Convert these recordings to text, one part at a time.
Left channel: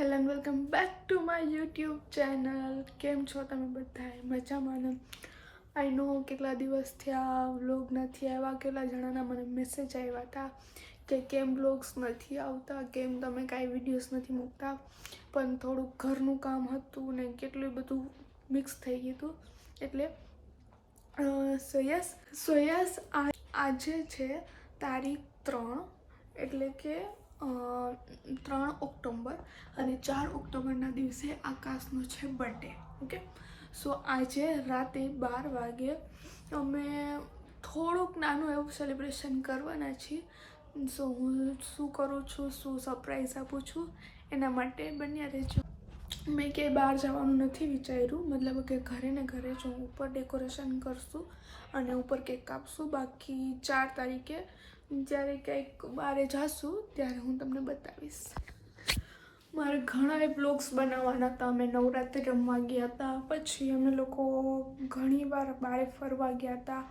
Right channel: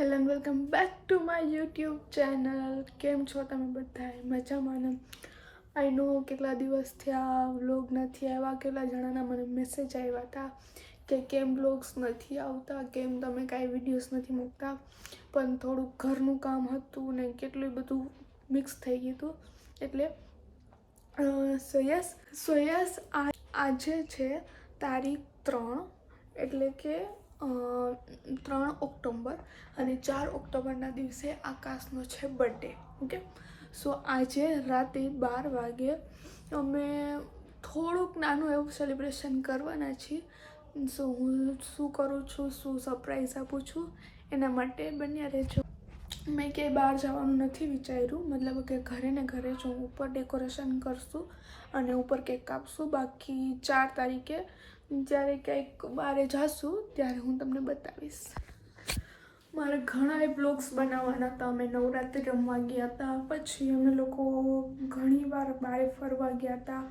Hello and welcome back to my YouTube channel. કેમ છો તમે બધાએ? મજામાં ને? આઈ નો કેટલા દિવસથી આ વ્લોગ નથી આવ્યા. કેટલા જણાના મને મેસેજ આવ્યા હતા કે કેમ વ્લોગ્સ નથી આવતા, કેમ તમે કાંઈ વિડીયોઝ નથી મૂકતા. પણ થોડુંક ઘરનું કામ હતું ને કેટલું બધું મિક્સ થઈ ગયું હતું. એટલે સો યસ આજે છે તારીખ 3, એટલે કે 3 ઓક્ટોબર અને 4 ઓક્ટોબરના દિવસે આકાશનો છે બર્થડે. ઓકે, સો આજે રાતે 12 વાગે અમે થોડુંક નાનું એવું સેલિબ્રેશન કરવાના છીએ. સો હું શું કરું છું, શું સરપ્રાઈઝ આપું છું, એના માટે બન્યા રહેજો. મેં ક્યાંય બહાર જવાનું નથી વિચાર્યું, મતલબ કે ઘરે ને ઘરે જ હું ઉપર ડેકોરેશન કરશું અને ઉપર કેક કાપશું. બાકી 4 તારીખે જ્યારે કંઈક બહાર જાશું ત્યારે હું તમને બતાવીશ. મારે ઘણા બ્લોગ્સ બનાવવાના હતા. અમે નવરાત્રિ રમવા ગયા હતા, પછી અમે લોકો ઘણીવાર બહાર ફરવા ગયા હતા.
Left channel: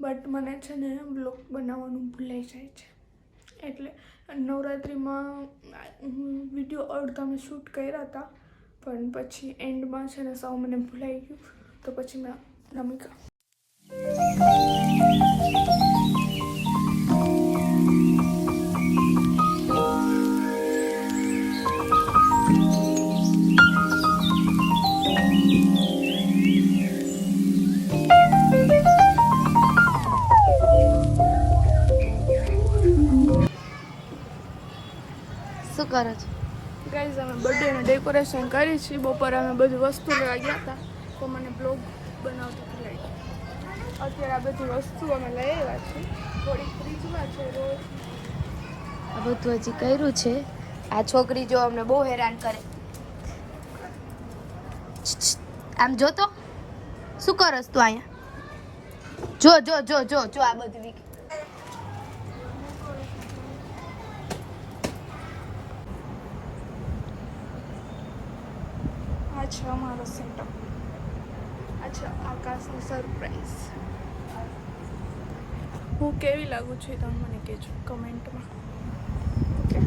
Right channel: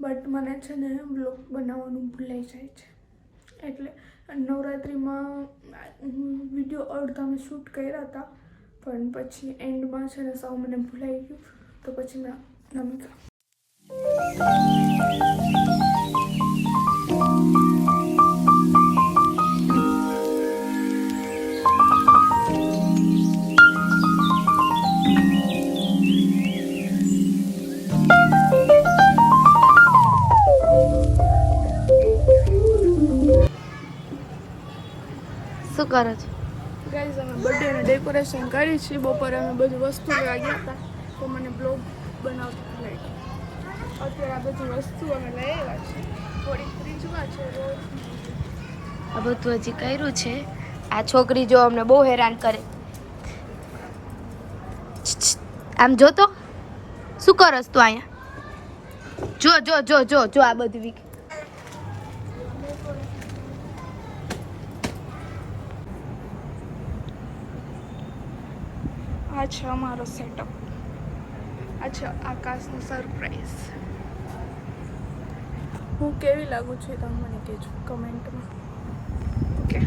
બટ મને છે ને બ્લોગ બનાવવાનું ભૂલાઈ જાય છે. એટલે નવરાત્રિમાં હું વિડીયો અડધા મેં શૂટ કર્યા હતા, પણ પછી એન્ડમાં છે ને સાવ મને ભૂલાઈ ગયું, તો પછી મેં નમી ગયું. શું કરો છો? ગાઈઝ, અમે બર્થડેનું ડેકોરેશન કરી છીએ. બપોરે અમે બધી વસ્તુ લેવા ગયા હતા, તો મને બ્લોગ બનાવતા ભૂલાઈ ગયું. અત્યારે આ બધી વસ્તુ અમે લઈ આવ્યા છીએ. થોડી ફ્રીજમાં છે. આ બધું હજી કર્યું છે. આ છોકરી જો અમને બહુ હેરાન કરે. આમ જો તો શું કરસ તું અહીંયા? જો જો જો જો જો આ બધી આ છે અમારો સેટઅપ. આ છે આકાશનું સરપ્રાઈઝ. હું કેવી લાગુ છું એ તમે મને કહેજો કમેન્ટમાં. ઓકે,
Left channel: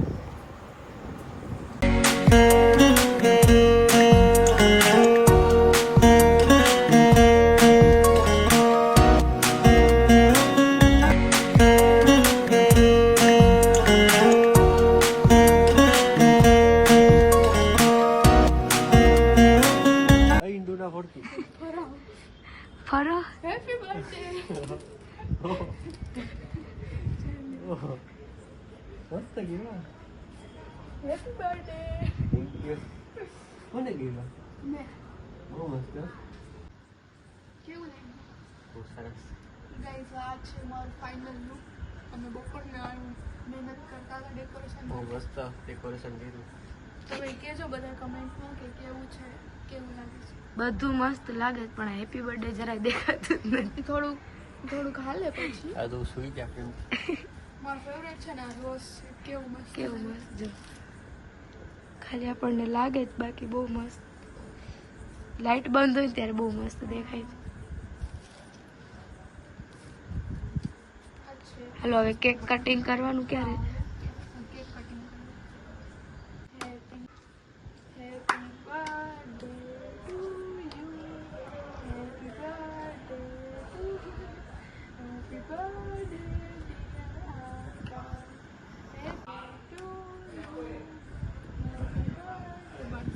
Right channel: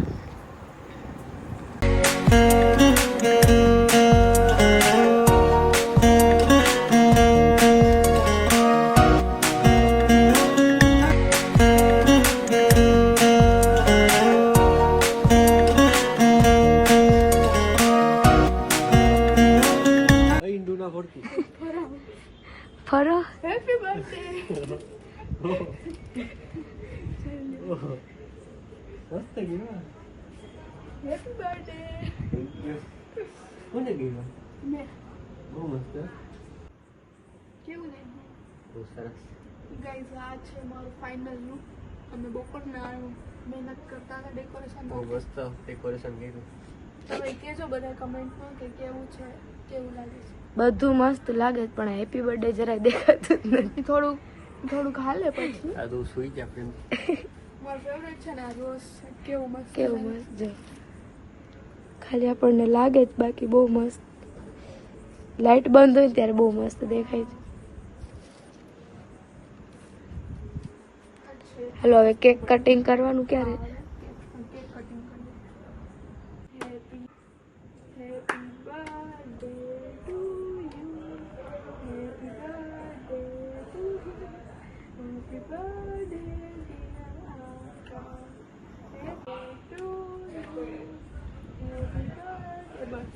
ફરો. Happy birthday. Happy birthday. કોને ગયું? મેં બહુ મસ્ત. કેવું લાગ્યું? બહુ સરસ. ગાઈઝ, આ છે મારું ફાઇનલ લુક. અમે બપોરના મહેનત કરતા હતા ડેકોરેશન બહુ માટે. મસ્ત ડેકોરેશન કર્યું. તમે કહેજો બધા કમેન્ટમાં કે કેવું છે, કેવું લાગે છે. બધું મસ્ત લાગે છે, પણ હેપી બર્થડે જરાય દેખાતું જ નથી. થોડુંક હાલે પછી. આ તો સુઈ ગયા આપણે. મારું ફેવરેટ છે ને આ રોઝ છે. કેવું મસ્ત કેવું લાગે મસ્ત જો. ખાલી આપણને લાગે જ, બાકી બહુ મસ્ત. લાઈટ બંધ હોય ને ત્યારે બહુ મસ્ત દેખાય છે. છે. હાલો હવે કેક કટિંગ કરવાનું ક્યારે? કેક કટિંગ કરવું. Happy birthday to you. Happy birthday to you. Happy birthday dear Akash. Happy to you. Happy birthday. Bus